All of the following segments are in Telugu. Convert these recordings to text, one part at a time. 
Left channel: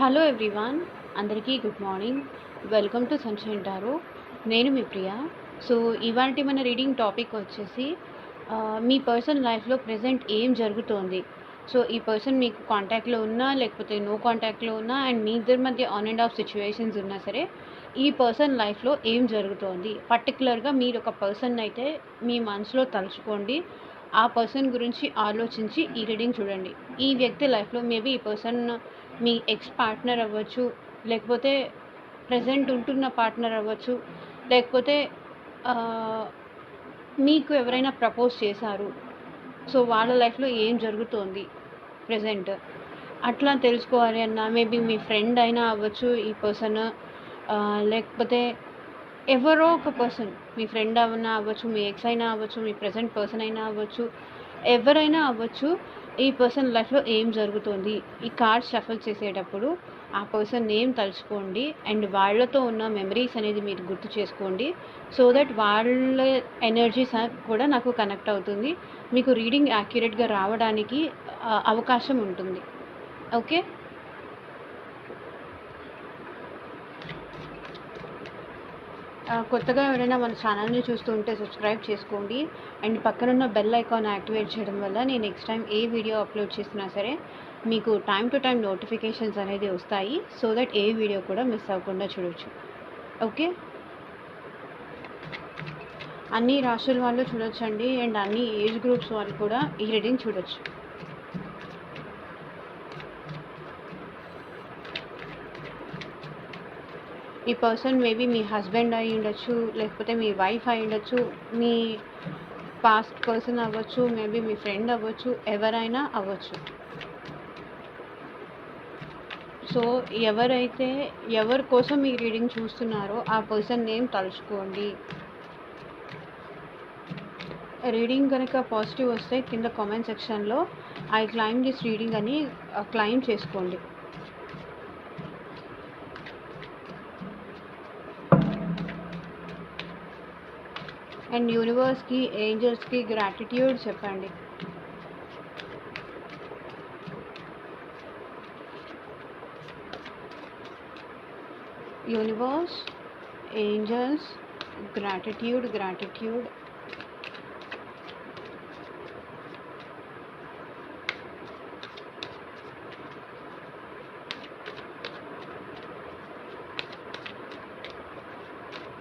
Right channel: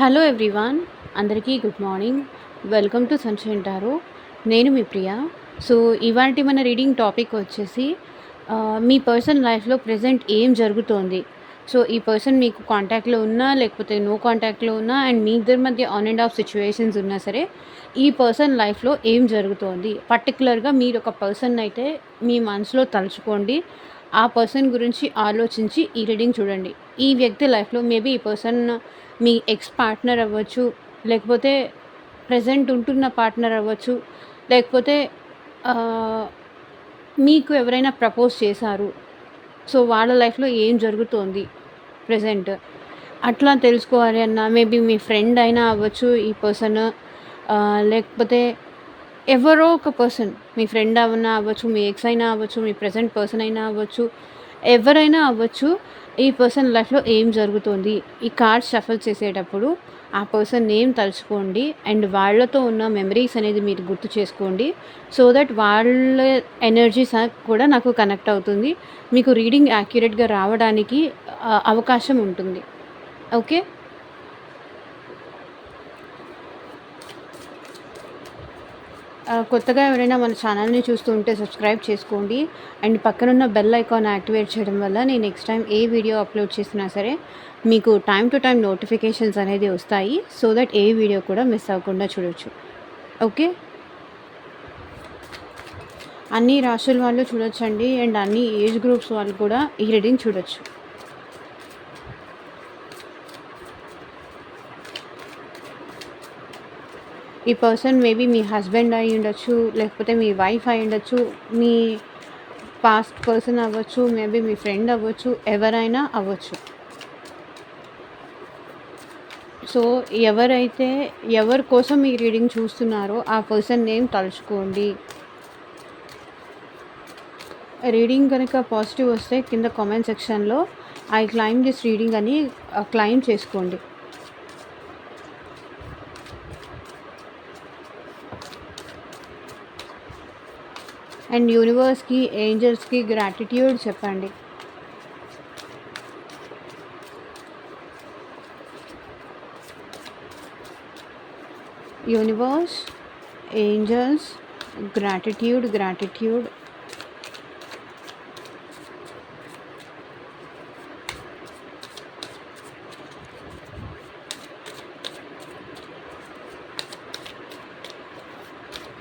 హలో ఎవ్రీవన్, అందరికీ good morning. Welcome to sunshine tarot. నేను మీ ప్రియ. సో, ఇవాల్టి మన రీడింగ్ టాపిక్ వచ్చేసి మీ పర్సన్ లైఫ్‌లో ప్రెజెంట్ ఏం జరుగుతోంది? సో, ఈ పర్సన్ మీకు కాంటాక్ట్‌లో ఉన్నా, లేకపోతే నో కాంటాక్ట్‌లో ఉన్నా అండ్ మీ ఇద్దరి మధ్య ఆన్ అండ్ ఆఫ్ సిట్యుయేషన్స్ ఉన్నా సరే, ఈ పర్సన్ లైఫ్‌లో ఏం జరుగుతోంది? పర్టిక్యులర్‌గా మీరొక పర్సన్‌నైతే మీ మనసులో తలుచుకోండి. ఆ పర్సన్ గురించి ఆలోచించి ఈ రీడింగ్ చూడండి. ఈ వ్యక్తి లైఫ్‌లో మేబీ ఈ పర్సన్ మీ ఎక్స్ పార్ట్నర్ అవ్వచ్చు, లేకపోతే ప్రెజెంట్ ఉంటున్న పార్ట్నర్ అవ్వచ్చు, లేకపోతే ఆహ్, మీకు ఎవరైనా ప్రపోజ్ చేశారు. సో, వాళ్ళ లైఫ్‌లో ఏం జరుగుతోంది ప్రెజెంట్? అట్లా తెలుసుకోవాలి అన్నా మేబీ మీ ఫ్రెండ్ అయినా అవ్వచ్చు ఈ పర్సన్, లేకపోతే ఎవరో ఒక పర్సన్, మీ ఫ్రెండ్ అయినా అవ్వచ్చు, మీ ఎక్స్ అయినా అవ్వచ్చు, మీ ప్రెజెంట్ పర్సన్ అయినా అవ్వచ్చు, ఎవరైనా అవ్వచ్చు. ఈ పర్సన్ లైఫ్‌లో ఏం జరుగుతోంది? ఈ కార్డ్స్ షఫల్ చేసేటప్పుడు ఆ పర్సన్ నేమ్ తలుచుకోండి అండ్ వాళ్ళతో ఉన్న మెమరీస్ అనేది మీరు గుర్తు చేసుకోండి. సో దట్ వాళ్ళ ఎనర్జీస్ కూడా నాకు కనెక్ట్ అవుతుంది. మీకు రీడింగ్ యాక్యురేట్‌గా రావడానికి అవకాశం ఉంటుంది. ఓకే. కొత్తగా ఎవరైనా మన ఛానల్‌ని చూస్తూ ఉంటే సబ్స్క్రైబ్ చేసుకోండి. అండ్ పక్కనున్న బెల్ ఐకాన్ యాక్టివేట్ చేయడం వల్ల నేను నెక్స్ట్ టైం ఏ వీడియో అప్లోడ్ చేసినా సరే మీకు టైమ్ టు టైమ్ నోటిఫికేషన్స్ అనేది వస్తాయి. సో దట్ ఏ వీడియో కూడా మిస్ అవ్వకుండా చూడొచ్చు. ఓకే. అన్ని రాశుల వాళ్ళు చూడొచ్చండి అండ్ అన్ని ఏజ్ గ్రూప్స్ వాళ్ళు కూడా ఈ రీడింగ్ చూడొచ్చు. ఈ పర్సన్ మేబీ మీ హస్బెండ్ అయి ఉండొచ్చు, లేకపోతే మీ వైఫ్ అయి ఉండొచ్చు, మీ పాస్ట్ పర్సన్ అవ్వచ్చు, మేబీ మీ ఫ్రెండ్ అవ్వచ్చు, ఎవరైనా అవ్వచ్చు. సో, ఎవరైతే ఎవరి కోసం ఈ రీడింగ్ చూస్తున్నారో ఆ పర్సన్ నేమ్ తలుచుకోండి. రీడింగ్ కనుక పాజిటివ్ వస్తే కింద కామెంట్ సెక్షన్‌లో ఐ క్లైమ్ దిస్ రీడింగ్ అని క్లైమ్ చేసుకోండి. అండ్ యూనివర్స్‌కి, ఏంజెల్స్‌కి గ్రాటిట్యూడ్ చెప్పండి. Universe, angels, gratitude.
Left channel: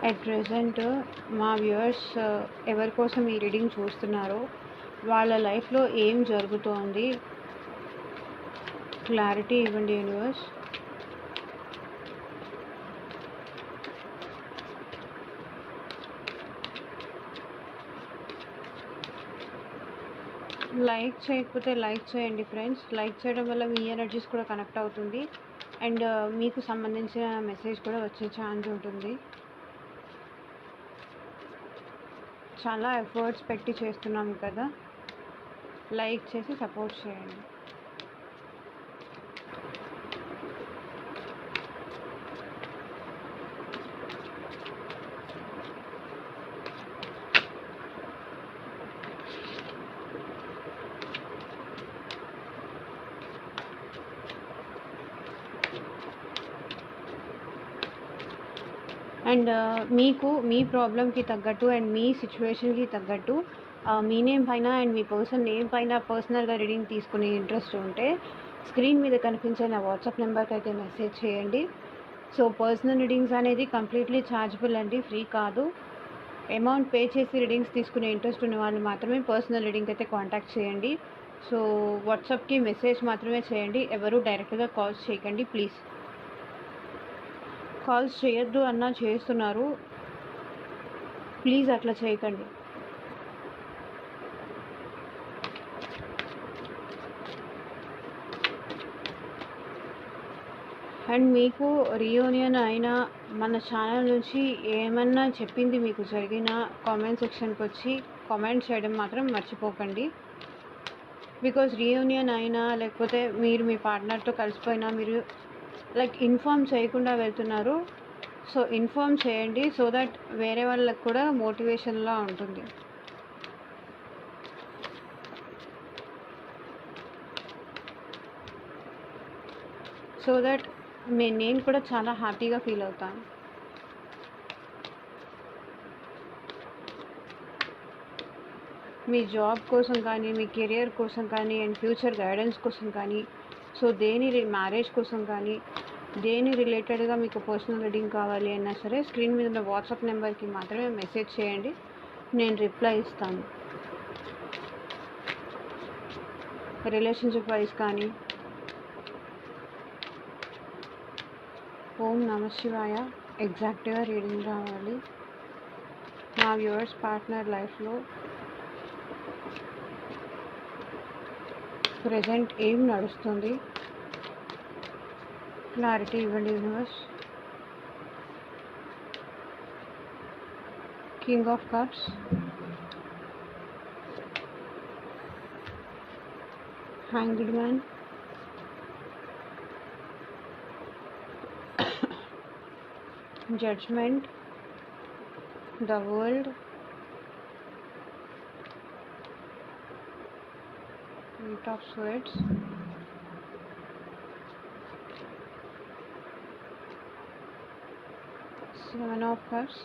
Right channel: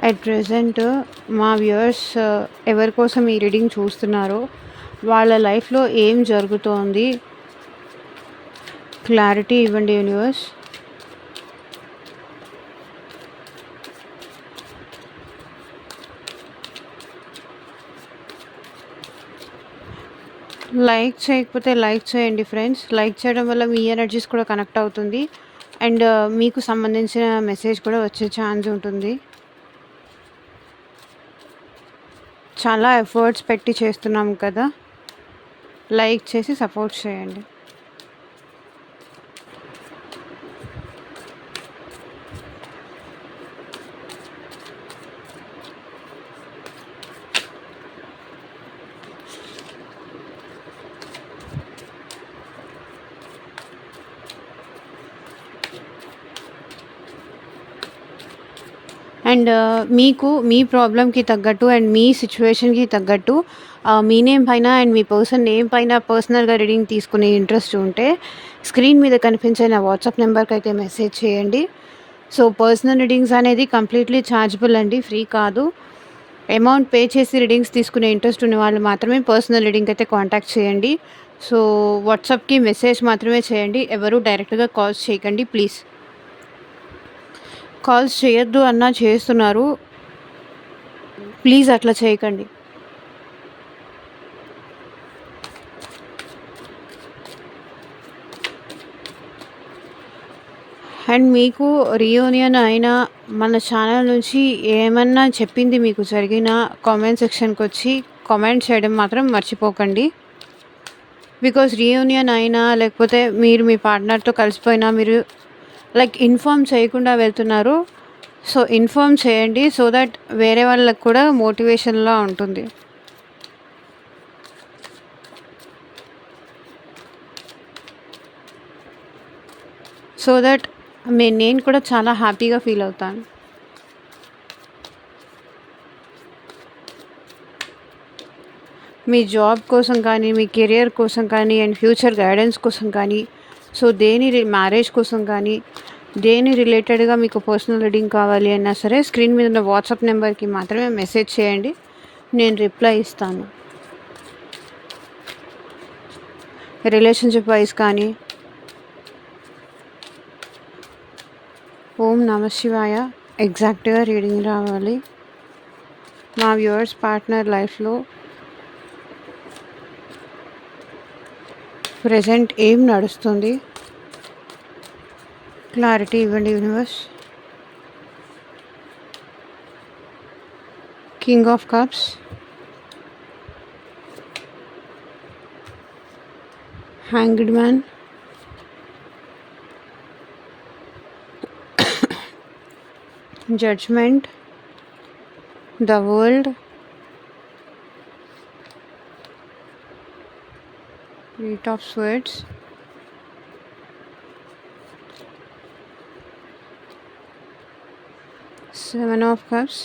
At present మా వ్యూయర్స్ ఎవరి కోసం ఈ రీడింగ్ చూస్తున్నారో వాళ్ళ లైఫ్‌లో ఏం జరుగుతోంది? క్లారిటీ ఇవ్వండి యూనివర్స్. లైక్ చేయకపోతే లైక్ చేయండి ఫ్రెండ్స్. లైక్ చేయడం వల్ల మీ ఎనర్జీస్ కూడా కనెక్ట్ అవుతుంది అండ్ మీకు సంబంధించిన మెసేజ్ కూడా వచ్చే ఛాన్స్ ఉంటుంది. చాలా ఎఫర్ట్స్ పెట్టి చేస్తున్నాం కదా, లైక్ చేసి సపోర్ట్ చేయండి. అండ్ మీకు మీ ప్రాబ్లమ్‌కి తగ్గట్టు అండ్ మీ సిచ్యువేషన్‌కి తగ్గట్టు మీ నేమ్ పైన అండ్ మీ పర్సన్ నేమ్ పైన పర్సనల్‌గా రీడింగ్ తీసుకునే ఇంట్రెస్ట్ ఉంటే స్క్రీన్ మీద కనిపించే నా వాట్సాప్ నెంబర్‌కి అయితే మెసేజ్ చేయండి. సో, పర్సనల్ రీడింగ్స్ అనేది కంప్లీట్‌లీ ఛార్జబుల్ అండి, ఫ్రీ కాదు. అమౌంట్ పే చేసి రీడింగ్స్ తీసుకునే ఇంట్రెస్ట్ ఉన్న వాళ్ళు మాత్రమే పర్సనల్ రీడింగ్ అయితే కాంటాక్ట్ చేయండి. సో, వాట్సాప్‌కి మెసేజ్ మాత్రమే చేయండి. ఎవరు డైరెక్ట్‌గా కాల్స్ చేయకండి ప్లీజ్. కాల్స్ చేయొద్దు అన్నా చేస్తున్నారు. ప్లీజ్ అట్లా చేయకండి. అండ్ మీకు రీయూనియన్ అయినా మన ఛానల్ నుంచి ఏమన్నా చెప్పింది మీకు జరిగినా కామెంట్ సెక్షన్‌కి వచ్చి కామెంట్ చేయడం మాత్రం మర్చిపోకండి. బికాజ్ రీయూనియన్ అయినా లేకపోతే మీరు మీ పార్ట్నర్‌తో కలిసిపోయినా మీరు లైక్ ఇన్ఫార్మ్ చేయకుండా వెళ్తున్నారు. సో, ఇన్ఫార్మ్ చేయండి సో దట్ వేరే వాళ్ళకి కూడా మోటివేషన్‌లా ఉంటుంది. సో దట్ నేను కూడా చాలా హ్యాపీగా ఫీల్ అవుతాను. మీ జాబ్ కోసం కానీ, మీ కెరియర్ కోసం కానీ అండ్ ఫ్యూచర్ గైడెన్స్ కోసం కానీ, సో మ్యారేజ్ కోసం కానీ, దేని రిలేటెడ్‌గా మీకు పర్సనల్ రీడింగ్ కావాలి అన్నా సరే స్క్రీన్ మీద ఉన్న వాట్సాప్ నెంబర్‌కి మాత్రమే మెసేజ్ చేయండి. నేను రిప్లై ఇస్తాను. రిలేషన్‌షిప్ వైస్ కానీ ఓం నమః శివాయ ఎగ్జాక్ట్‌గా రీడింగ్ రావాలి. మా వ్యూవర్స్ పార్ట్నర్ లైఫ్‌లో ప్రెజెంట్ ఏం నడుస్తుంది? క్లారిటీ ఇవ్వండి universe. King of cups, hanged man, judgement, the world, eight of swords, seven of cups,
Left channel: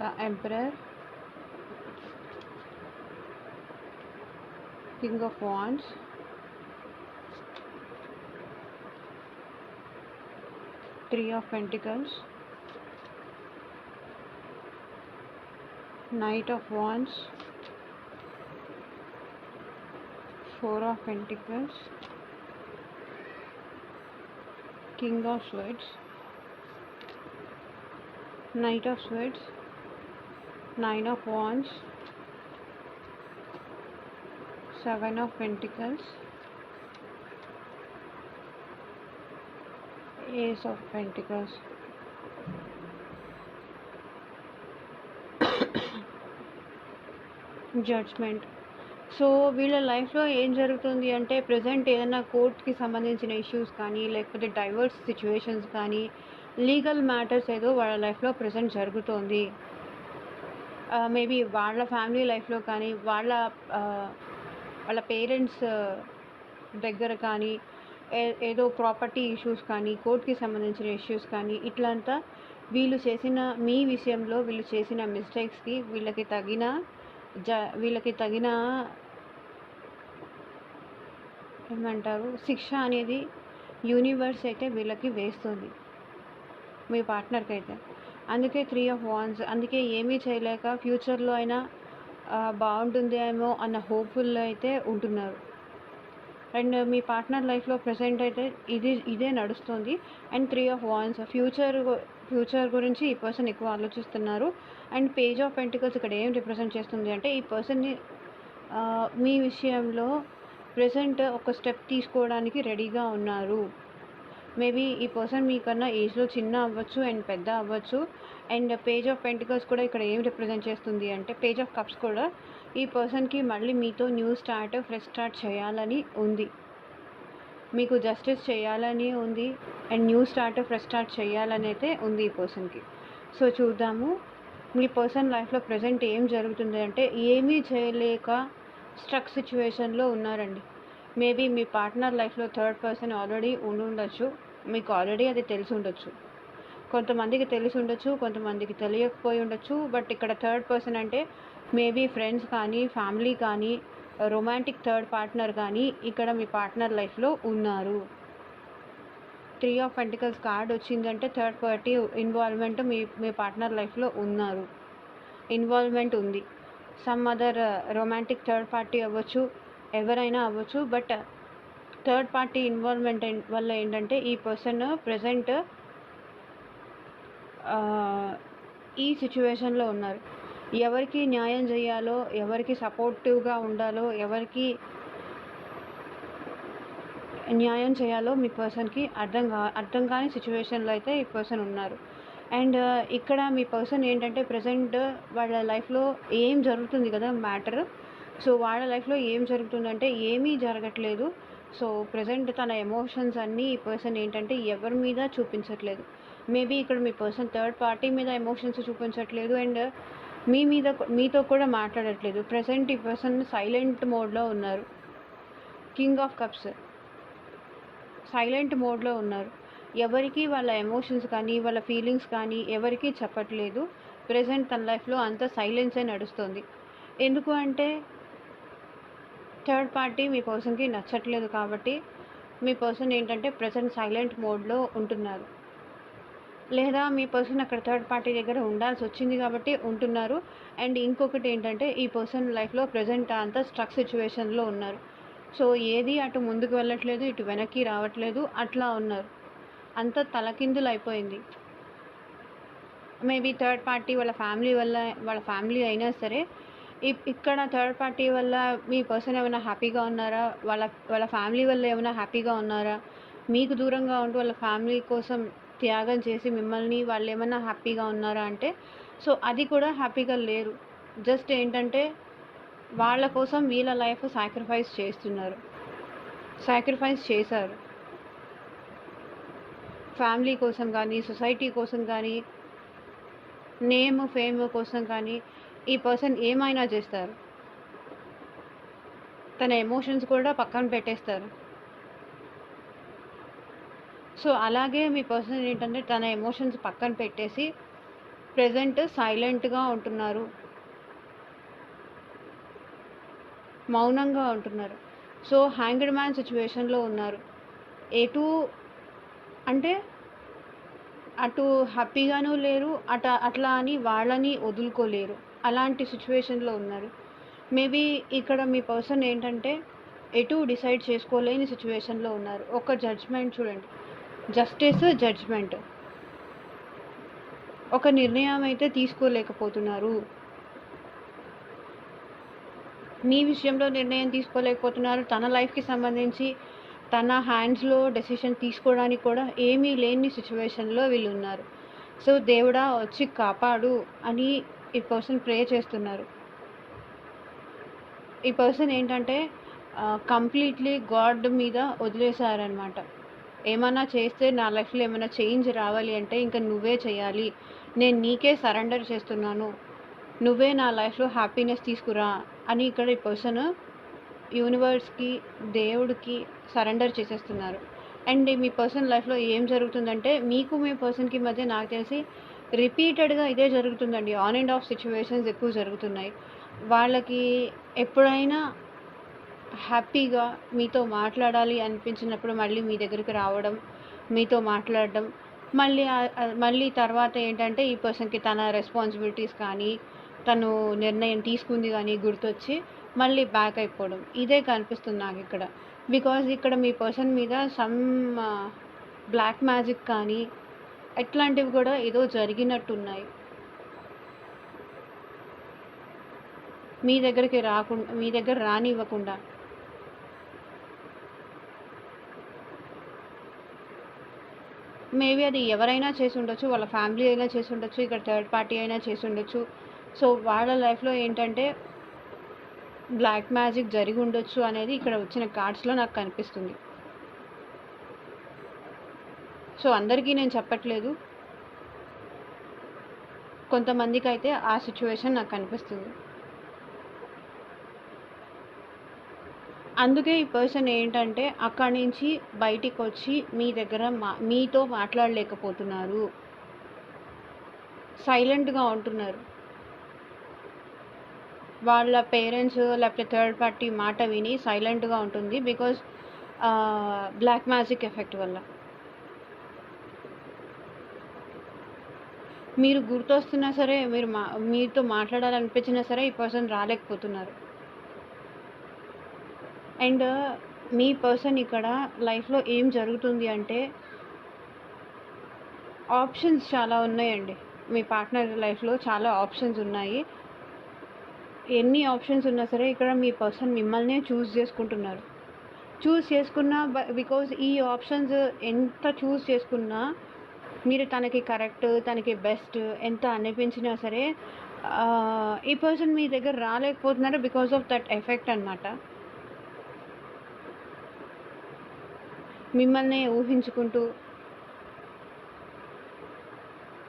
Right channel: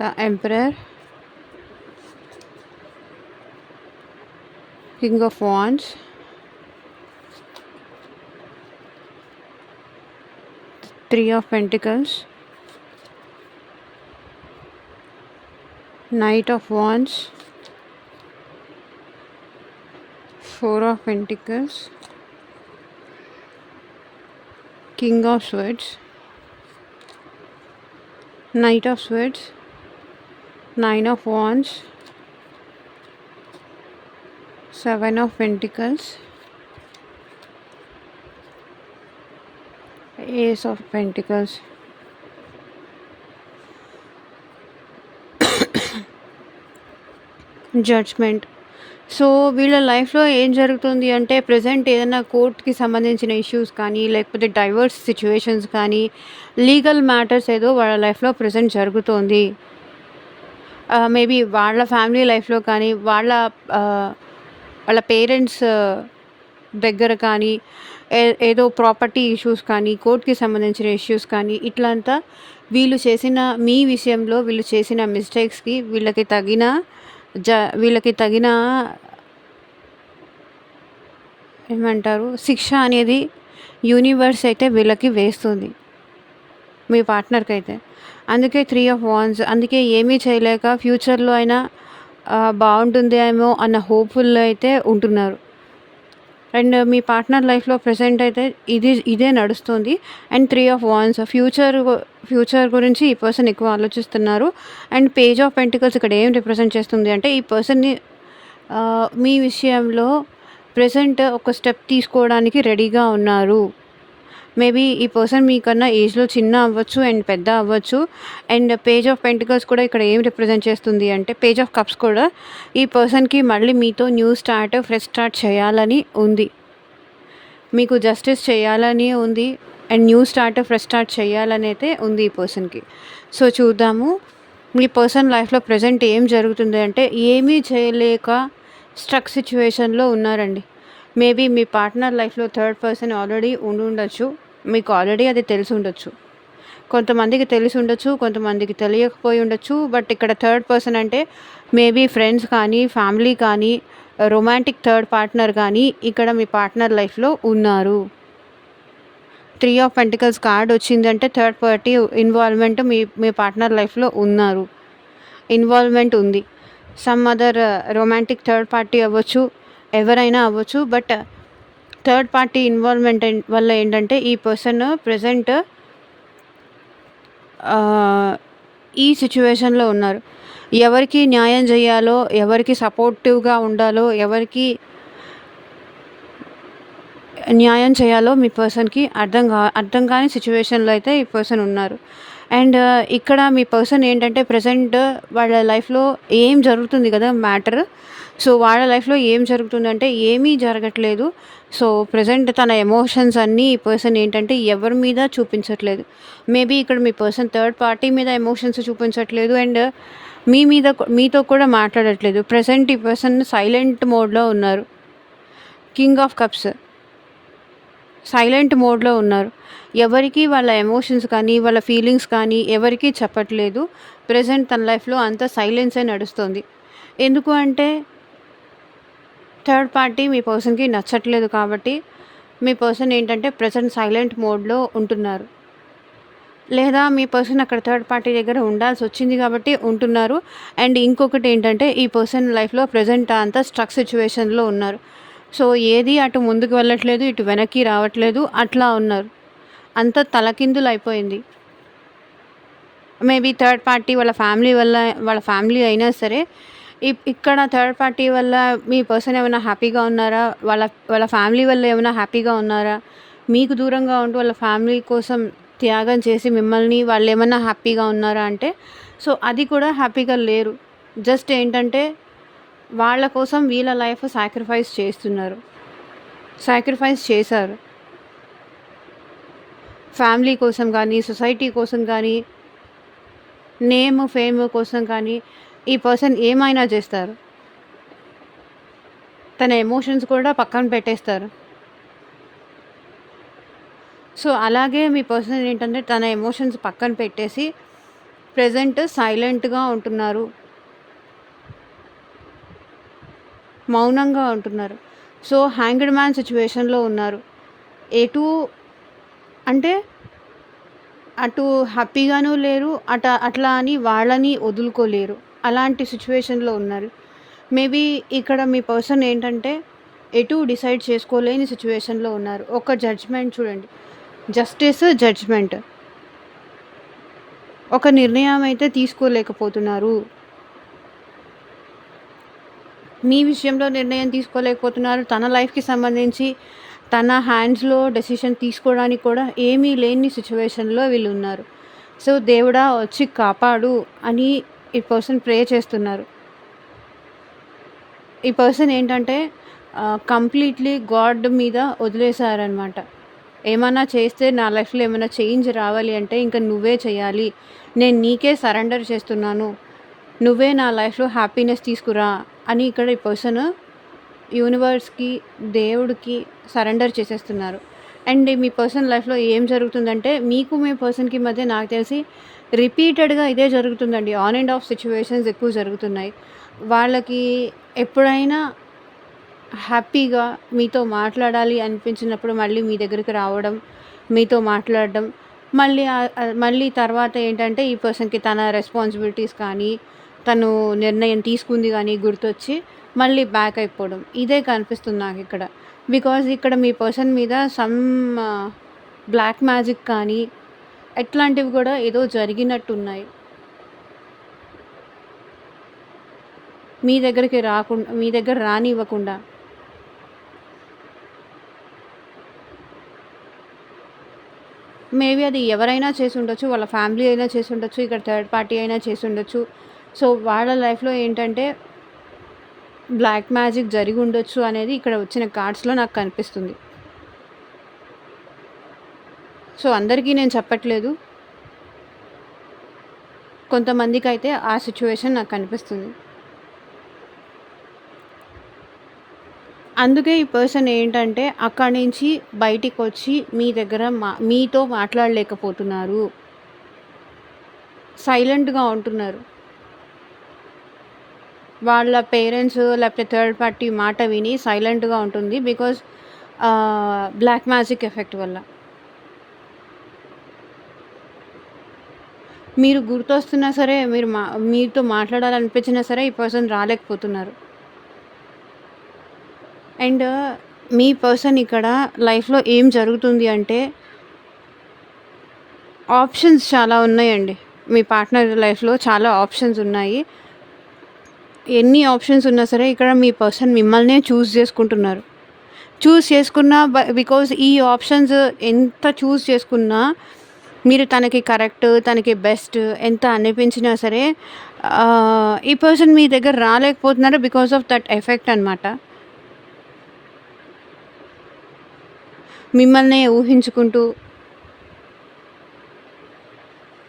the emperor, king of wands, three of pentacles, knight of wands, four of pentacles, king of swords, knight of swords, nine of wands, seven of pentacles, ace of pentacles. Judgement. So వీళ్ళ లైఫ్లో ఏం జరుగుతుంది అంటే ప్రెజెంట్ ఏదైనా కోర్ట్కి సంబంధించిన ఇష్యూస్ కానీ లేకపోతే డైవర్స్ సిచ్యువేషన్స్ కానీ లీగల్ మ్యాటర్స్ ఏదో వాళ్ళ లైఫ్లో ప్రెజెంట్ జరుగుతోంది. మేబీ వాళ్ళ ఫ్యామిలీ లైఫ్లో కానీ వాళ్ళ పేరెంట్స్ దగ్గర కానీ ఏదో ప్రాపర్టీ ఇష్యూస్ కానీ కోర్ట్కి సంబంధించిన ఇష్యూస్ కానీ ఇట్లంతా మీ విషయంలో వీళ్ళు చేసిన మిస్టేక్స్కి వీళ్ళకి తగిన ఏమంటారు శిక్ష అనేది యూనివర్స్ అయితే వీళ్ళకి వేస్తుంది, మీ పార్ట్నర్కి అయితే. అందుకే త్రీ ఆఫ్ వాండ్స్. అందుకే ఏమీ చేయలేక ఫ్యూచర్లో అయినా బాగుంటుందేమో అన్న హోప్ఫుల్లో అయితే ఉంటున్నారు. అండ్ మీ పార్ట్నర్ లైఫ్లో ప్రెసెంట్ అయితే ఇదే నడుస్తుంది. And three of wands future గురించి ఈ పర్సన్ ఎక్కువ ఆలోచిస్తున్నారు. అండ్ పేజ్ ఆఫ్ పెంటికల్స్ ఇక్కడ ఏం రిప్రజెంట్ చేస్తుంది అంటే ఈ పర్సన్ని మీ విషయంలో ప్రెసెంట్ ఒక స్టెప్ తీసుకోవడానికి రెడీగా ఉన్నారు. మేబీ ఈ పర్సన్ మీకన్నా ఏజ్లో చిన్న అవ్వచ్చు అండ్ పెద్ద అవ్వచ్చు. అండ్ పేజ్ ఆఫ్ పెంటికల్స్ కూడా ఇక్కడ ఏం రిప్రజెంట్ చేస్తుంది అంటే పేజ్ ఆఫ్ కప్స్ కూడా ఈ పర్సన్కి మళ్ళీ మీతో ఫ్రెష్ స్టార్ట్ చేయాలని ఉంది, మీకు జస్టిస్ చేయాలని ఉంది అండ్ ఫ్రెష్ స్టార్ట్ చేయాలని అయితే ఉంది ఈ పర్సన్కి. సో చూద్దాము మీ పర్సన్ లైఫ్లో ప్రెజెంట్ ఏం జరుగుతుంది అంటే ఏమీ చేయలేక స్ట్రక్ సిచ్యువేషన్లో ఉన్నారండి. మేబీ మీ పార్ట్నర్ లైఫ్లో థర్డ్ పర్సన్ ఆల్రెడీ ఉండొచ్చు, మీకు ఆల్రెడీ అది తెలిసి ఉండొచ్చు. కొంతమందికి తెలిసి ఉండొచ్చు, కొంతమందికి తెలియకపోయి ఉండొచ్చు. బట్ ఇక్కడ థర్డ్ పర్సన్ అంటే మేబీ ఫ్రెండ్స్ కానీ ఫ్యామిలీ కానీ రొమాంటిక్ థర్డ్ పార్ట్నర్ కానీ ఇక్కడ మీ పార్ట్నర్ లైఫ్లో ఉన్నారు. త్రీ ఆఫ్ పెంటికల్స్ కార్డ్ వచ్చిందంటే థర్డ్ పార్టీ ఇన్వాల్వ్మెంట్ మీ పార్ట్నర్ లైఫ్లో ఇన్వాల్వ్మెంట్ ఉంది. Some other romantic third party అవ్వచ్చు, ఎవరైనా అవ్వచ్చు. బట్ థర్డ్ పార్టీ ఇన్వాల్వ్మెంట్ వల్ల ఏంటంటే ఈ పర్సన్ ప్రెజెంట్ ఈ సిచ్యువేషన్లో ఉన్నారు. ఎవరికి న్యాయం చేయాలో, ఎవరికి సపోర్టివ్గా ఉండాలో, ఎవరికి న్యాయం చేయాలో మీ పర్సన్కి అర్థం కాని సిచ్యువేషన్లో అయితే ఈ పర్సన్ ఉన్నారు. అండ్ ఇక్కడ మీ పర్సన్ ఏంటంటే ప్రెజెంట్ వాళ్ళ లైఫ్లో ఏం జరుగుతుంది కదా మ్యాటర్. సో వాళ్ళ లైఫ్లో ఏం జరుగుతుందంటే ఏమీ జరగట్లేదు. సో ప్రెజెంట్ తన ఎమోషన్స్ అన్నీ ఈ పర్సన్ ఏంటంటే ఎవరి మీద చూపించట్లేదు. మేబీ ఇక్కడ మీ పర్సన్ థర్డ్ పార్టీ మీద ఎమోషన్స్ చూపించట్లేదు అండ్ మీతో కూడా మాట్లాడట్లేదు. ప్రెజెంట్ ఈ పర్సన్ సైలెంట్ మోడ్లో ఉన్నారు. King of cups. సైలెంట్ మోడ్‌లో ఉన్నారు. ఎవరికీ వాళ్ళ ఎమోషన్స్ కానీ, వాళ్ళ ఫీలింగ్స్ కానీ ఎవరికీ చెప్పట్లేదు. ప్రెజెంట్ తన లైఫ్‌లో అంతా సైలెన్సే నడుస్తుంది. ఎందుకు అంటే థర్డ్ పార్టీ మీ పర్సన్‌కి నచ్చట్లేదు కాబట్టి, మీ పర్సన్ ఏంటంటే ప్రెజెంట్ సైలెంట్ మోడ్‌లో ఉంటున్నారు. లేదా మీ పర్సన్ అక్కడ థర్డ్ పార్టీ దగ్గర ఉండాల్సొచ్చింది కాబట్టి ఉంటున్నారు. అండ్ ఇంకొకటేంటంటే ఈ పర్సన్ లైఫ్‌లో ప్రెజెంట్ అంతా స్ట్రక్ సిట్యుయేషన్‌లో ఉన్నారు. సో, ఏది అటు ముందుకు వెళ్ళట్లేదు, ఇటు వెనక్కి రావట్లేదు. అట్లా ఉన్నారు. అంతా తలకిందులైపోయింది. మేబీ థర్డ్ పార్టీ వాళ్ళ ఫ్యామిలీ వల్ల వాళ్ళ ఫ్యామిలీ అయినా సరే, ఇక్కడ థర్డ్ పార్టీ వల్ల మీ పర్సన్ ఏమైనా హ్యాపీగా ఉన్నారా? వాళ్ళ వాళ్ళ ఫ్యామిలీ వల్ల ఏమైనా హ్యాపీగా ఉన్నారా? మీకు దూరంగా ఉంటూ వాళ్ళ ఫ్యామిలీ కోసం త్యాగం చేసి మిమ్మల్ని వాళ్ళేమన్నా హ్యాపీగా ఉన్నారా అంటే, సో, అది కూడా హ్యాపీగా లేరు. జస్ట్ ఏంటంటే వాళ్ళ కోసం వీళ్ళ లైఫ్ సాక్రిఫైస్ చేస్తున్నారు. సాక్రిఫైస్ చేశారు. ఫ్యామిలీ కోసం కానీ, సొసైటీ కోసం కానీ, నేమ్, ఫేమ్ కోసం కానీ ఈ పర్సన్ ఏమైనా చేస్తారు. తన ఎమోషన్స్ కూడా పక్కన పెట్టేస్తారు. సో, అలాగే మీ పర్సన్ ఏంటంటే తన ఎమోషన్స్ పక్కన పెట్టేసి ప్రెజెంట్ సైలెంట్‌గా ఉంటున్నారు. మౌనంగా ఉంటున్నారు. సో, హ్యాంగ్డ్ మ్యాన్ సిట్యుయేషన్‌లో ఉన్నారు. ఎటూ అంటే అటు హ్యాపీగాను లేరు. అట్లా అని వాళ్ళని వదులుకోలేరు. అలాంటి సిట్యుయేషన్‌లో ఉన్నారు. మేబీ ఇక్కడ మీ పర్సన్ ఏంటంటే ఎటూ డిసైడ్ చేసుకోలేని సిట్యుయేషన్‌లో ఉన్నారు. ఒక జడ్జ్‌మెంట్ చూడండి. Justice, judgement. ఒక నిర్ణయం అయితే తీసుకోలేకపోతున్నారు. మీ విషయంలో నిర్ణయం తీసుకోలేకపోతున్నారు. తన లైఫ్‌కి సంబంధించి తన హ్యాండ్స్‌లో డెసిషన్ తీసుకోవడానికి కూడా ఏమీ లేని సిట్యుయేషన్‌లో వీళ్ళున్నారు. సో, దేవుడా వచ్చి కాపాడు అని ఈ పర్సన్ ప్రే చేస్తున్నారు. ఈ పర్సన్ ఏంటంటే కంప్లీట్‌లీ గాడ్ మీద వదిలేసారనమాట. ఏమన్నా చేస్తే నా లైఫ్‌లో ఏమైనా చేంజ్ రావాలి అంటే ఇంక నువ్వే చేయాలి. నేను నీకే సరెండర్ చేస్తున్నాను. నువ్వే నా లైఫ్‌లో హ్యాపీనెస్ తీసుకురా అని ఇక్కడ ఈ పర్సన్ యూనివర్స్‌కి, దేవుడికి సరెండర్ చేసేస్తున్నారు. అండ్ మీ పర్సన్ లైఫ్‌లో ఏం జరుగుతుందంటే మీకు మీ పర్సన్‌కి మధ్య నాకు తెలిసి రిపీటెడ్‌గా ఇదే జరుగుతుందండి. ఆన్ అండ్ ఆఫ్ సిట్యుయేషన్స్ ఎక్కువ జరుగుతున్నాయి. వాళ్ళకి ఎప్పుడైనా హ్యాపీగా మీతో మాట్లాడాలి అనిపించినప్పుడు మళ్ళీ మీ దగ్గరికి రావడం, మీతో మాట్లాడడం, మళ్ళీ తర్వాత ఏంటంటే ఈ పర్సన్‌కి తన రెస్పాన్సిబిలిటీస్ కానీ, తను నిర్ణయం తీసుకుంది కానీ గుర్తొచ్చి మళ్ళీ బ్యాక్ అయిపోవడం. ఇదే కనిపిస్తుంది నాకిక్కడ. బికాజ్ ఇక్కడ మీ పర్సన్ మీద సమ్ బ్లాక్ మ్యాజిక్ కానీ, ఇట్లాంటివి కూడా ఏదో జరిగినట్టున్నాయి. మీ దగ్గరికి మీ దగ్గర రానివ్వకుండా. మేబీ అది ఎవరైనా చేసుండొచ్చు. వాళ్ళ ఫ్యామిలీ అయినా చేసుండొచ్చు. ఇక్కడ థర్డ్ పార్టీ అయినా చేసుండొచ్చు. సో, వాళ్ళ లైఫ్‌లో ఏంటంటే బ్లాక్ మ్యాజిక్ జరిగుండొచ్చు అనేది ఇక్కడ వచ్చిన కార్డ్స్‌లో నాకు కనిపిస్తుంది. సో, అందరికీ నేను చెప్పట్లేదు. కొంతమందికైతే ఆ సిట్యుయేషన్ నాకు కనిపిస్తుంది. అందుకే ఈ పర్సన్ ఏంటంటే అక్కడి నుంచి బయటికొచ్చి మీ దగ్గర మీతో మాట్లాడలేకపోతున్నారు. సైలెంట్‌గా ఉంటున్నారు. వాళ్ళ పేరెంట్స్ లేకపోతే థర్డ్ పార్టీ మాట విని సైలెంట్‌గా ఉంటుంది. బికాజ్ బ్లాక్ మ్యాజిక్ ఎఫెక్ట్ వల్ల. మీరు గుర్తొస్తున్నా సరే, మీతో మాట్లాడాలనిపించినా సరే ఈ పర్సన్ రాలేకపోతున్నారు. అండ్ మీ పర్సన్ ఇక్కడ లైఫ్‌లో ఏం జరుగుతుంది అంటే ఆప్షన్స్ చాలా ఉన్నాయండి. మీ పార్ట్నర్ లైఫ్‌లో చాలా ఆప్షన్స్ ఉన్నాయి. ఎన్ని ఆప్షన్స్ ఉన్నా సరే ఇక్కడ మీ పర్సన్ మిమ్మల్నే చూజ్ చేసుకుంటున్నారు. చూజ్ చేసుకున్నా బికాజ్ ఈ ఆప్షన్స్ ఎంత చూజ్ చేసుకున్నా మీరు తనకి కరెక్ట్, తనకి బెస్ట్ ఎంత అనిపించినా సరే ఈ పర్సన్ మీ దగ్గర రాలేకపోతున్నారు బికాజ్ ఆఫ్ దట్ ఎఫెక్ట్ అనమాట. మిమ్మల్నే ఊహించుకుంటూ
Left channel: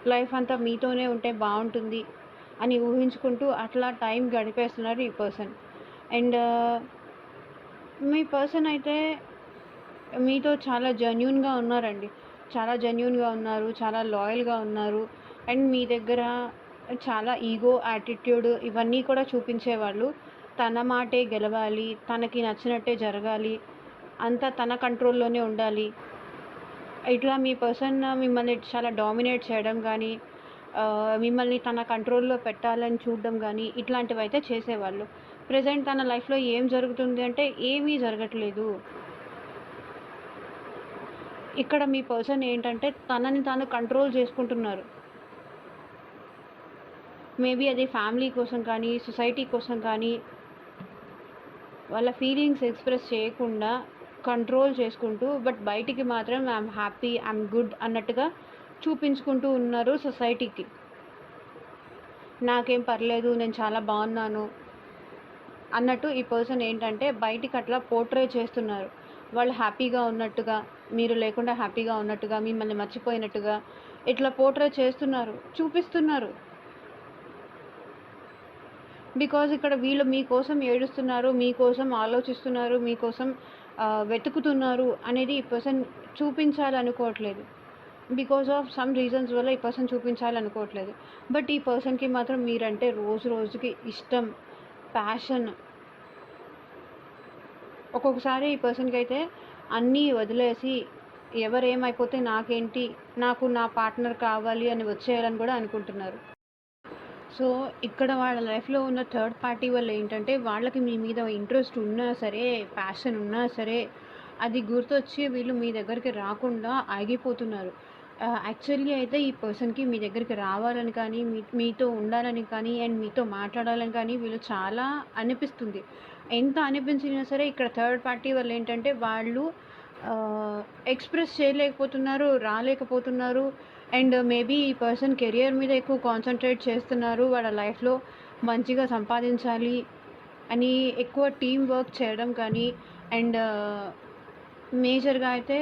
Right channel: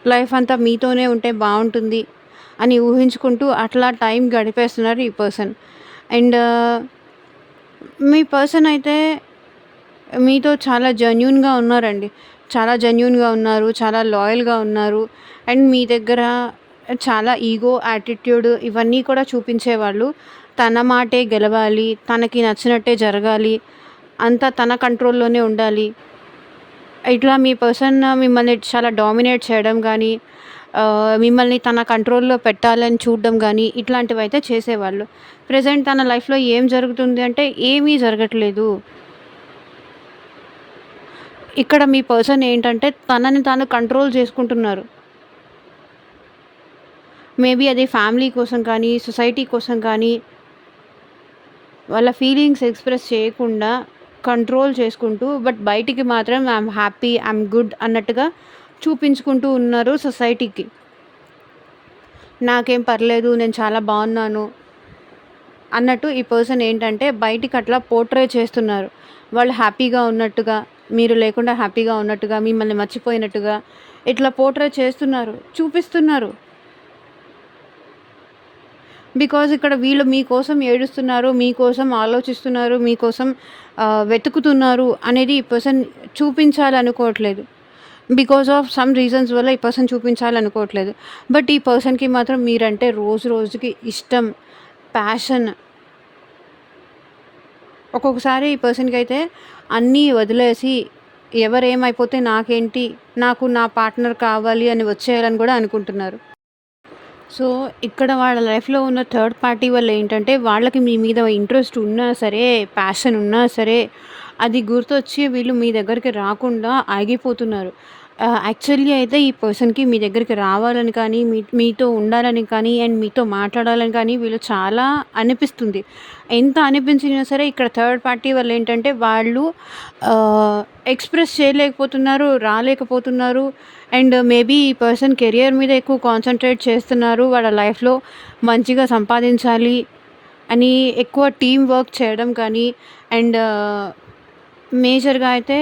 లైఫ్ అంతా మీతోనే ఉంటే బాగుంటుంది అని ఊహించుకుంటూ అట్లా టైం గడిపేస్తున్నారు ఈ పర్సన్. అండ్ మీ పర్సన్ అయితే మీతో చాలా జెన్యూన్‌గా ఉన్నారండి. చాలా జెన్యూన్‌గా ఉన్నారు. చాలా లాయల్‌గా ఉన్నారు. అండ్ మీ దగ్గర చాలా ఈగో, యాటిట్యూడ్ ఇవన్నీ కూడా చూపించేవాళ్ళు. తన మాటే గెలవాలి. తనకి నచ్చినట్టే జరగాలి. అంతా తన కంట్రోల్‌లోనే ఉండాలి. ఇట్లా మీ పర్సన్ మిమ్మల్ని చాలా డామినేట్ చేయడం గానీ, మిమ్మల్ని తన కంట్రోల్‌లో పెట్టాలని చూడడం గానీ, ఇట్లాంటివైతే చేసేవాళ్ళు. ప్రెజెంట్ తన లైఫ్‌లో ఏం జరుగుతుంది అంటే ఏమీ జరగట్లేదు. ఇక్కడ మీ పర్సన్ ఏంటంటే తనని తాను కంట్రోల్ చేసుకుంటున్నారు. మేబీ అది ఫ్యామిలీ కోసం కానీ, సొసైటీ కోసం కానీ, వాళ్ళ ఫీలింగ్స్ ఎక్స్‌ప్రెస్ చేయకుండా కంట్రోల్ చేసుకుంటూ, బట్ బయటికి మాత్రం ఐయామ్ హ్యాపీ, ఐయామ్ గుడ్ అన్నట్టుగా చూపించుకుంటూ ఉన్నారు సొసైటీకి. నాకేం పర్లేదు, నేను చాలా బాగున్నాను అన్నట్టు ఈ పర్సన్ ఏంటంటే బయటికి అట్లా పోర్ట్రే చేస్తున్నారు. వాళ్ళు హ్యాపీగా ఉన్నట్టుగా, మీరు లేకుండా హ్యాపీగా ఉన్నట్టుగా, మిమ్మల్ని మర్చిపోయినట్టుగా ఇట్లా పోర్ట్రే చేస్తున్నారు, చూపిస్తున్నారు. బికాజ్ ఇక్కడ వీళ్ళు మీకోసం ఏడుస్తున్నారు, మీకోసం ఆలోచిస్తున్నారు, మీకోసం వెతుకుతున్నారు అనేది ఈ పర్సన్ చూపించాలనుకోవట్లేదు. బికాజ్ ఆఫ్ సమ్ రీజన్స్ వల్ల ఈ పర్సన్ చూపించాలనుకోవట్లేదు. బట్ ఈ పర్సన్‌కి మాత్రం మీరంటే రోజు రోజుకి ఇష్టం, ప్యాషన్. ఒక్కొక్కసారి ఈ పర్సన్‌కి అయితే అన్నీ వదిలేసి ఎవరేమైపోతే నాకేంటి, నాకు నా పార్ట్నర్ కావాలి అని వచ్చేయాలని కూడా అనుకుంటున్నారు. సో, ఇక్కడ వాళ్ళ లైఫ్‌లో ఉన్న థర్డ్ పార్టీ వల్ల ఏంటంటే, వాళ్ళకి మీ మీద ఇంట్రెస్ట్ ఉన్నా సరే, ప్యాషన్ ఉన్నా సరే, అది గుర్తొచ్చి వీళ్ళు మీ దగ్గరికి రాకుండా ఆగిపోతున్నారు. యాక్చువల్లీ అయితే ఈ పర్సన్‌కి మీ దగ్గరికి రావాలని కానీ, మీతో ఉండాలని కానీ, అండ్ మీతో మాట్లాడాలని కానీ వీళ్ళు చాలా అనిపిస్తుంది. ఎంత అనిపించినా సరే ఇక్కడ థర్డ్ పార్టీ వల్ల ఏంటంటే, వాళ్ళు ఎక్స్‌ప్రెస్ చేయలేకపోతున్నారు, రాలేకపోతున్నారు. అండ్ మేబీ ఈ పర్సన్ కెరియర్ మీద ఎక్కువ కాన్సంట్రేట్ చేస్తున్నారు. వాళ్ళ లైఫ్‌లో మంచిగా సంపాదించాలి అని ఎక్కువ టీమ్ వర్క్ చేయడం కానీ, అండ్ మేజర్‌గా అయితే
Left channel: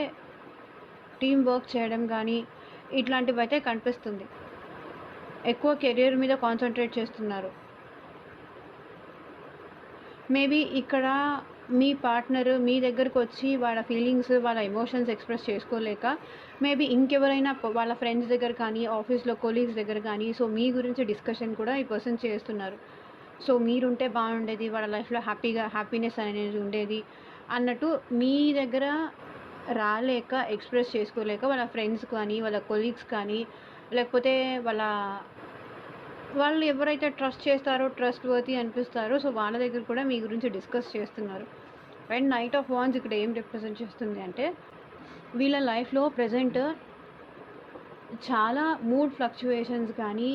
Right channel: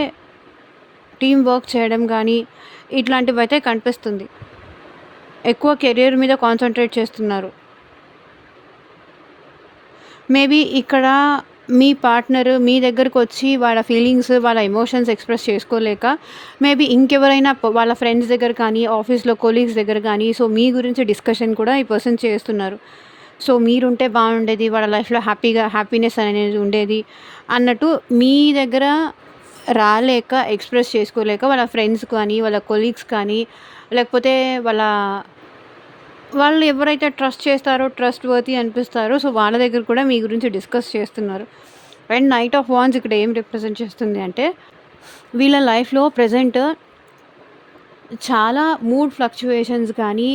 టీమ్ వర్క్ చేయడం కానీ, ఇట్లాంటివైతే కనిపిస్తుంది. ఎక్కువ కెరియర్ మీద కాన్సంట్రేట్ చేస్తున్నారు. మేబీ ఇక్కడ మీ పార్ట్నర్ మీ దగ్గరకొచ్చి వాళ్ళ ఫీలింగ్స్, వాళ్ళ ఎమోషన్స్ ఎక్స్‌ప్రెస్ చేసుకోలేక మేబీ ఇంకెవరైనా వాళ్ళ ఫ్రెండ్స్ దగ్గర కానీ, ఆఫీస్‌లో కొలీగ్స్ దగ్గర కానీ, సో మీ గురించి డిస్కషన్ కూడా ఈ పర్సన్ చేస్తున్నారు. సో మీరుంటే బాగుండేది, వాళ్ళ లైఫ్‌లో హ్యాపీనెస్ అనేది ఉండేది అన్నట్టు మీ దగ్గర రాలేక, ఎక్స్‌ప్రెస్ చేసుకోలేక వాళ్ళ ఫ్రెండ్స్ కానీ, వాళ్ళ కొలీగ్స్ కానీ, లేకపోతే వాళ్ళు ఎవరైతే ట్రస్ట్ చేస్తారో, ట్రస్ట్ వర్తీ అనిపిస్తారో, సో వాళ్ళ దగ్గర కూడా మీ గురించి డిస్కస్ చేస్తున్నారు. అండ్ నైట్ ఆఫ్ వాండ్స్ ఇక్కడ ఏం రిప్రజెంట్ చేస్తుంది అంటే, వీళ్ళ లైఫ్‌లో ప్రెజెంట్ చాలా మూడ్ ఫ్లక్చుయేషన్స్ కానీ,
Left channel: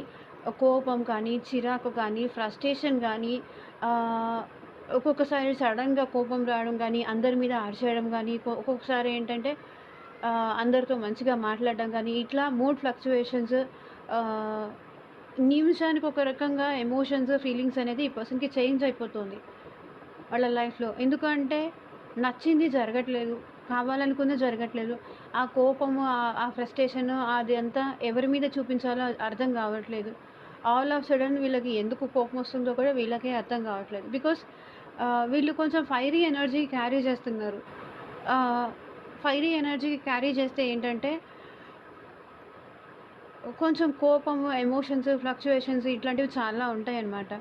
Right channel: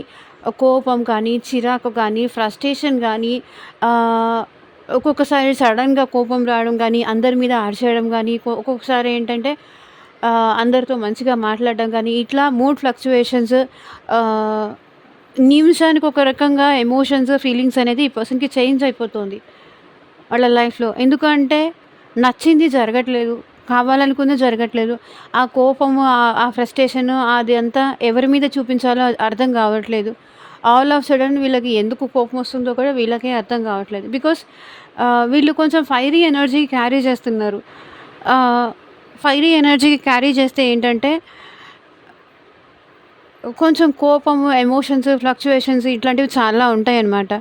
కోపం కానీ, చిరాకు కానీ, ఫ్రస్ట్రేషన్ కానీ, ఒక్కొక్కసారి సడన్‌గా కోపం రావడం కానీ, అందరి మీద అరిచేయడం కానీ, ఒక్కొక్కసారి ఏంటంటే అందరితో మంచిగా మాట్లాడడం కానీ, ఇట్లా మూడ్ ఫ్లక్చుయేషన్స్, ఆహ్, నిమిషానికి ఒక రకంగా ఎమోషన్స్, ఫీలింగ్స్ అనేది ఈ పర్సన్‌కి చేంజ్ అయిపోతుంది వాళ్ళ లైఫ్‌లో. ఎందుకంటే నచ్చింది జరగట్లేదు, కావాలనుకుంది జరగట్లేదు. ఆ కోపము, ఆ ఫ్రస్ట్రేషను అది అంతా ఎవరి మీద చూపించాలో అర్థం కావట్లేదు. ఆల్ ఆఫ్ సడన్ వీళ్ళకి ఎందుకు కోపం వస్తుందో కూడా వీళ్ళకే అర్థం కావట్లేదు. బికాస్ వీళ్ళు కొంచెం ఫైరీ ఎనర్జీ క్యారీ చేస్తున్నారు. ఫైరీ ఎనర్జీ క్యారీ చేస్తే ఏంటంటే కొంచెం కోపము, ఎమోషన్స్, ఫ్లక్చుయేషన్స్ ఇట్లాంటివి చాలా ఉంటాయన్నమాట.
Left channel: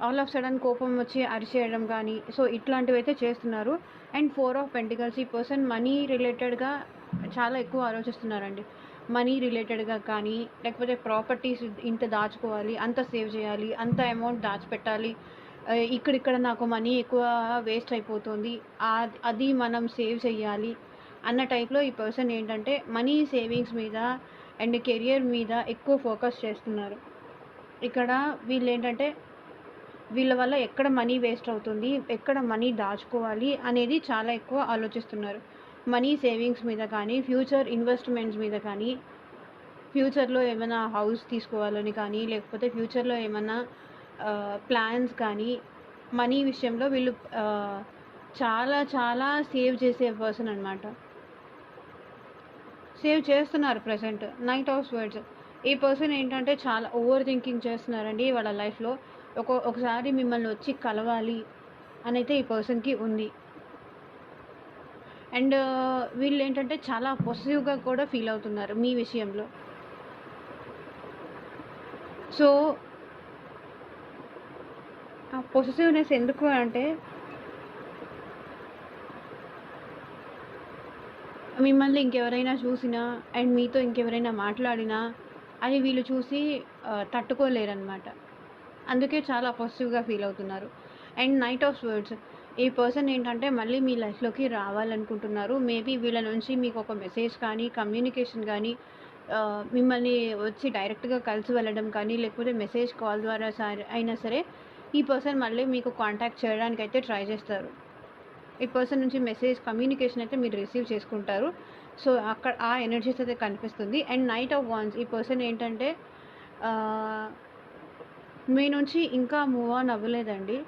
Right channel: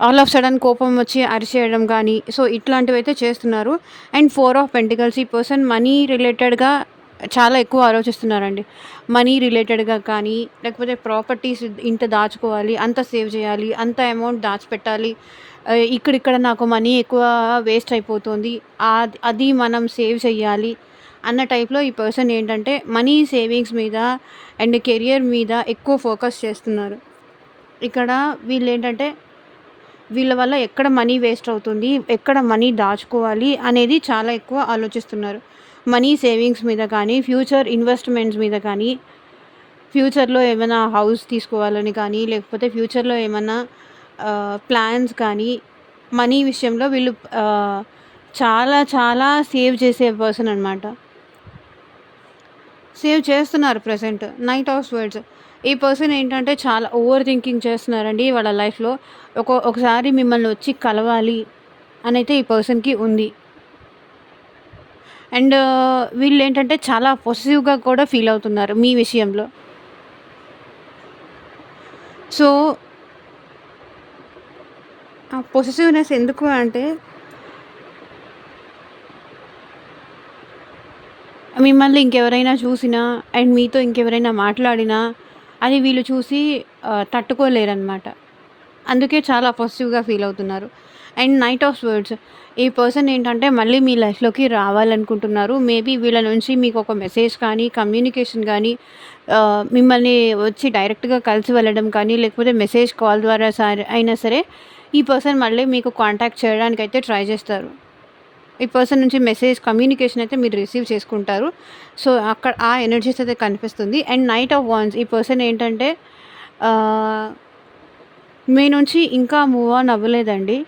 ఆల్ ఆఫ్ సడన్ కోపం వచ్చి అరిచేయడం కానీ, సో ఇట్లాంటివైతే చేస్తున్నారు. అండ్ 4 ఆఫ్ పెంటికల్స్ ఈ పర్సన్ మనీ రిలేటెడ్‌గా చాలా ఎక్కువ ఆలోచిస్తున్నారండి. మనీ రిలేటెడ్‌గా కానీ, లేకపోతే ప్రాపర్టీస్ ఇంత దాచుకోవాలి, అంత సేవ్ చేయాలి, అంత అమౌంట్ దాచిపెట్టాలి. ఇక్కడిక్కడ నాకు మనీ ఎక్కువ వేస్ట్ అయిపోతుంది. అది మనం సేవ్ చేయాలి అన్న టైప్‌లో ఈ పర్సన్ ఏంటంటే మనీ సేవింగ్స్ మీద అండ్ కెరియర్ మీద ఎక్కువ ఫోకస్ చేస్తున్నారు. ఇక్కడ వీళ్ళేంటంటే వీళ్ళ వల్ల ఎక్కడ మనీ వేస్ట్ అవుతుంది, ఎక్కడ మనీ దాచుకోవాలి అనేది చాలా ఎక్కువ ఆలోచిస్తున్నారు. మనీ సేవింగ్స్ మీద కానీ, ఫ్యూచర్ ఇన్వెస్ట్‌మెంట్స్ మీద కానీ, ఫ్యూచర్‌లో ఏమైనా హౌస్ తీసుకోవాలని కానీ, లేకపోతే ఫ్యూచర్‌లో ఏమన్నా ప్లాన్స్ కానీ, మనీ విషయంలో వీళ్ళు చాలా చాలా సేవ్ చేసే పర్సన్ అనమాట. సేవ్ చేస్తున్నారు ప్రెజెంట్. Night of swords. ఈ పర్సన్ ఏంటంటే చాలా ఓవర్ థింకింగ్ చేస్తున్నారండి వాళ్ళ లైఫ్‌లో. ఒకసారి మిమ్మల్ని వచ్చి కలవాలి అనైతే ఈ పర్సన్‌కి ఉంది. అండ్ వీళ్ళేంటంటే చాలా పొసెసివ్‌గా కూడా ఫీల్ అవుతున్నారు మీ విషయంలో. సో, ఆ పొసెసివ్‌నెస్ ఎందుకు అంటే మిమ్మల్ని ఇంకెవరైనా చూసినా అండ్ మీతో ఇంకెవరైనా మాట్లాడినా అది వీళ్ళు చూసి తట్టుకోలేరనమాట. అందుకే చాలా పాజిటివ్‌గా ఫీల్ అవుతున్నారు. అండ్ నైట్ ఆఫ్ వర్డ్స్ ఈ పర్సన్ ఏంటంటే మళ్ళీ మీ లైఫ్‌లోకి రావాలనుకుంటున్నారు. మేబీ వీళ్ళ నుంచి మీకు ఒక మెసేజ్ కానీ, కమ్యూనికేషన్ గానీ మిమ్మల్ని వచ్చి డైరెక్ట్‌గా కలిసి వెళ్ళడం కానీ, లేకపోతే మెసేజ్, కాల్ ద్వారా అయినా సరే ఈ పర్సన్ మళ్ళీ మీకు కాంటాక్ట్ చేయడానికైతే ట్రై చేస్తారు. ఈ పర్సన్ నుంచి మెసేజ్, కమ్యూనికేషన్ అయితే మీరు రిసీవ్ చేసుకుంటారు. సో, అక్కడ ఆ ఎనర్జీస్ అయితే కనిపిస్తుంది. అండ్ నైట్ ఆఫ్ వాండ్స్ ఈ పర్సన్ ఏంటంటే ఆహ్, మీ నుంచి ఇంకా మూవ్ ఆన్ అవ్వలేదండి.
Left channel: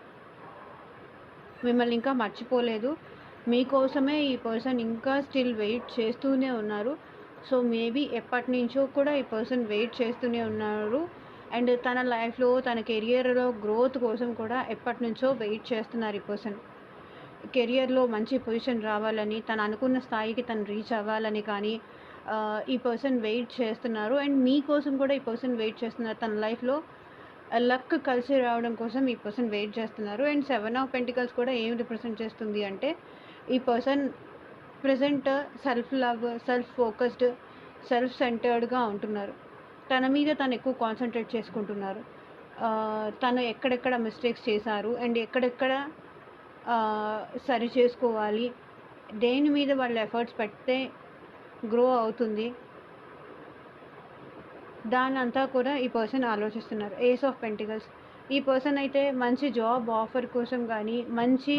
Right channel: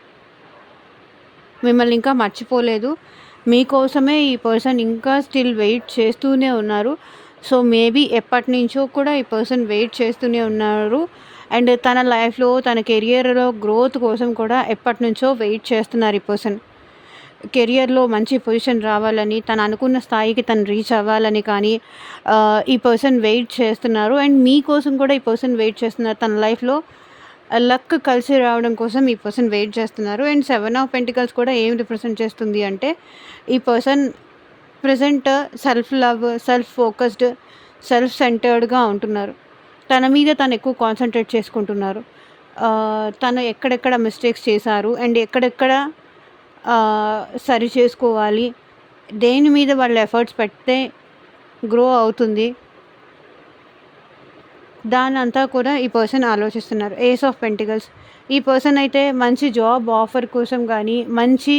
మిమ్మల్ని ఇంకా మర్చిపోలేదు. మీకోసమే ఈ పర్సన్ ఇంకా స్టిల్ వెయిట్ చేస్తూనే ఉన్నారు. సో, మేబీ ఎప్పటినుంచో కూడా ఈ పర్సన్ వెయిట్ చేస్తూనే ఉన్నారు. అండ్ తన లైఫ్‌లో, తన కెరియర్‌లో గ్రోత్ కోసం కూడా ఎప్పటినుంచో వెయిట్ చేస్తున్నారు ఈ పర్సన్. కెరియర్‌లో మంచి పొజిషన్ రావాలని, తను అనుకున్న స్థాయికి తను రీచ్ అవ్వాలని కానీ ఈ పర్సన్ వెయిట్ చేస్తున్నారు. అండ్ మీకోసం కూడా ఈ పర్సన్ వెయిట్ చేస్తున్నారు. తన లైఫ్‌లో లక్ కలిసి రావడం కోసం ఈ పర్సన్ వెయిట్ చేస్తున్నారు. అండ్ 7 ఆఫ్ పెంటికల్స్ కూడా ఏం రిప్రజెంట్ చేస్తుంది అంటే, ఈ person present self love, self focused, self సెంటర్డ్‌గా ఉంటున్నారు. తన మీద తను ఎక్కువ కాన్సంట్రేట్ చేసుకుంటున్నారు. తను ఎక్కడెక్కడ మిస్టేక్స్ చేశారు అండ్ ఎక్కడెక్కడ సరి చేసుకోవాలి, దేని మీద వాళ్ళు ఎఫర్ట్స్ పెడితే గ్రో అవుతుంది, దానంతా కూడా ఈ పర్సన్ ఆలోచిస్తున్నారు. ఏస్ ఆఫ్ పెంటికల్స్ ఈ పర్సన్ అయితే మంచి జాబ్ ఆఫర్ కోసం కానీ, మంచి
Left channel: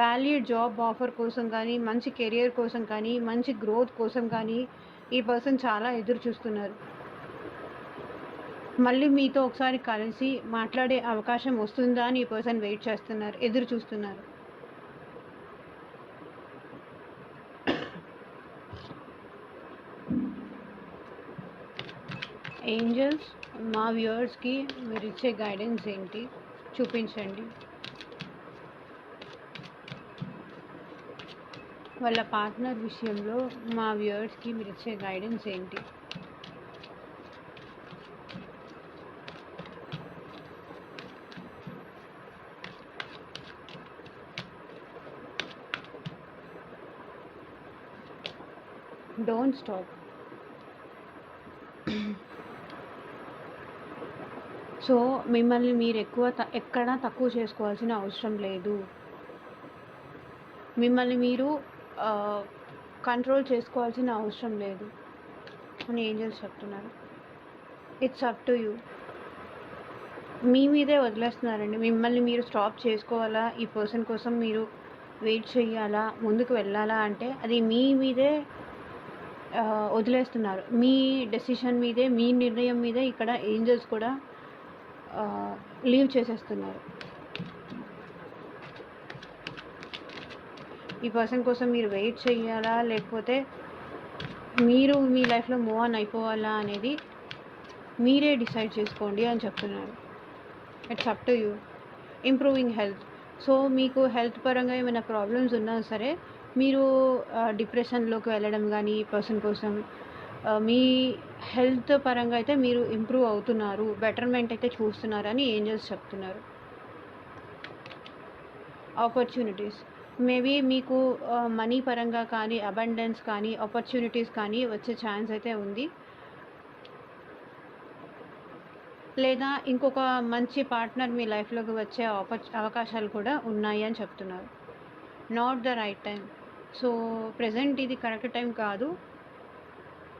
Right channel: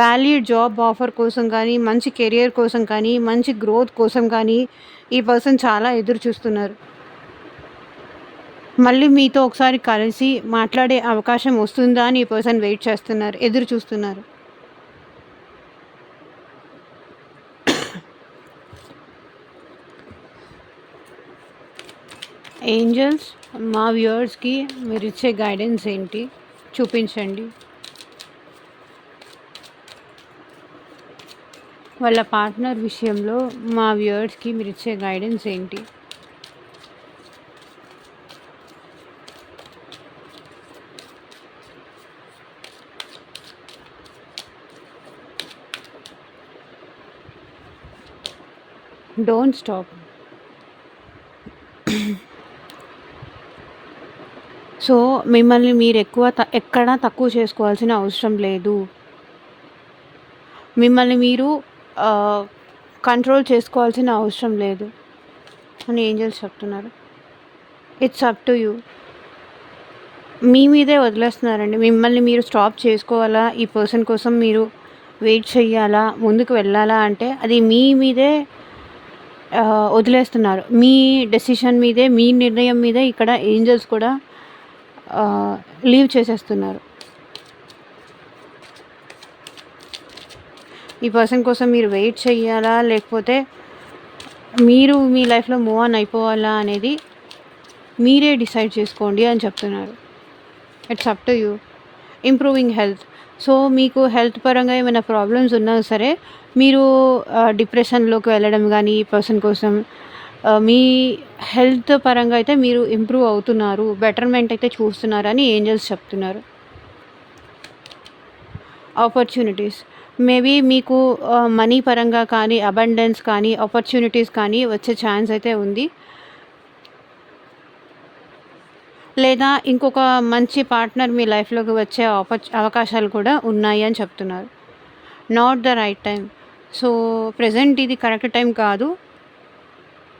వాల్యూడ్ జాబ్ ఆఫర్ కోసం కానీ, మంచి కెరియర్ కోసం కానీ, మంచి గ్రోత్ కోసం కానీ ఈ పర్సన్ చాలా ఎదురు చూస్తున్నారు. మళ్ళీ మీతో ఒకసారి కలిసి మాట్లాడే అవకాశం వస్తుందా అని ఈ పర్సన్ వెయిట్ చేస్తున్నారు, ఎదురు చూస్తున్నారు. ఏంజల్స్ మా వ్యూవర్స్కి మీరు ఇచ్చే గైడెన్స్ ఏంటి చూపించండి. వాళ్ళ పార్ట్నర్ విషయంలో మా వ్యూవర్స్కి మీరు ఇచ్చే గైడెన్స్ ఏంటి? Don't stop. సో మిమ్మల్ని మీరు ఎక్కడా తక్కువ చేసుకోవాల్సిన అవసరం లేదు. మిమ్మల్ని మీరు కంట్రోల్ చేసుకోవాల్సిన అవసరం లేదు అని ఏంజల్స్ చెప్తున్నారు. It's up to you. మీ మీదే వదిలేస్తున్నారండి. మిమ్మల్ని మీరు స్టాప్ చేసుకోవాలా, ఈ పర్సన్ కోసం మీరు వెయిట్ చేయాలా, ముందుకు వెళ్ళాలా అంటే అది మీ మీదే వదిలేస్తున్నారు. మీ డెసిషన్ మీదే, మీ నిర్ణయం మీదే ఇక్కడ ఏంజల్స్ కూడా లీవ్ చేసేస్తున్నారు. ఈ పర్సన్ కోసం మీరు వెయిట్ చేయాలా, లేకపోతే మీరు మీ లైఫ్లో మూవ్ ఆన్ అయిపోవాలా అనేది మీరే డిసైడ్ చేసుకోండి అని చెప్తున్నారు. It's up to you. Improving health. So మీకు హెల్త్ పరంగా ఏమైనా ప్రాబ్లమ్స్ ఉన్నా సరే మీరు డిప్రెషన్లోకి వెళ్ళడం కానీ ఈ పర్సన్ కోసం మీ హెల్త్ పరంగా అయితే మీరు ఇంప్రూవ్ అవుతున్నారు, బెటర్మెంట్ అయితే చూస్తున్నారని ఏంజల్స్ చెప్తున్నారు. ఆపర్చునిటీస్ మేబీ మీకు మనీ పరంగా కానీ, అబండెన్స్ కానీ, ఆపర్చునిటీస్ కానీ వచ్చే ఛాన్స్ అయితే ఉంది. లేదా ఇంకొక మంచి పార్ట్నర్ మీ లైఫ్లోకి వచ్చే అవకాశాలు కూడా ఉన్నాయి అని చెప్తున్నారు. Not the right time. So present ఇది కరెక్ట్ టైం కాదు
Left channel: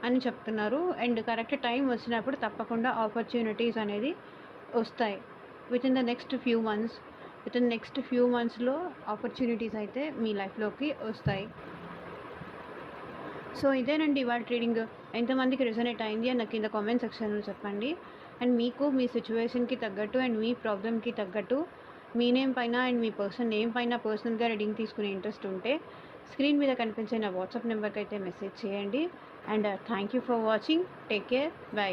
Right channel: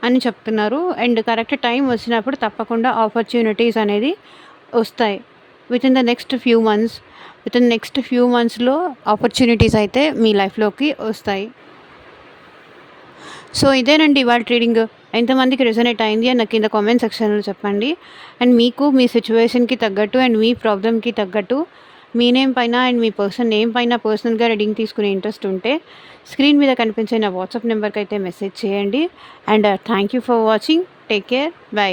అని చెప్తున్నారు. అండ్ కరెక్ట్ టైం వచ్చినప్పుడు తప్పకుండా ఆపర్చునిటీస్ అనేది వస్తాయి. With in the next few మంత్స్లో ఆపర్చునిటీస్ అయితే మీ లైఫ్లోకి వస్తాయి. సో ఇదేనండి ఇవాళ ట్రీడింగ్. ఎంతమందికి రెజొనేట్ అయింది అని నాకు కింద కామెంట్ సెక్షన్లో చెప్పండి. అండ్ మీకు మీ సిచ్యువేషన్కి తగ్గట్టు అండ్ మీ ప్రాబ్లమ్కి తగ్గట్టు మీ నేమ్ పైన అండ్ మీ పర్సన్ నేమ్ పైన పర్సనల్గా రీడింగ్ తీసుకునే ఇంట్రెస్ట్ ఉంటే స్క్రీన్ మీద కనిపించే నా వాట్సాప్ నెంబర్కి అయితే మెసేజ్ చేయండి. And thank you for watching. Take care. By.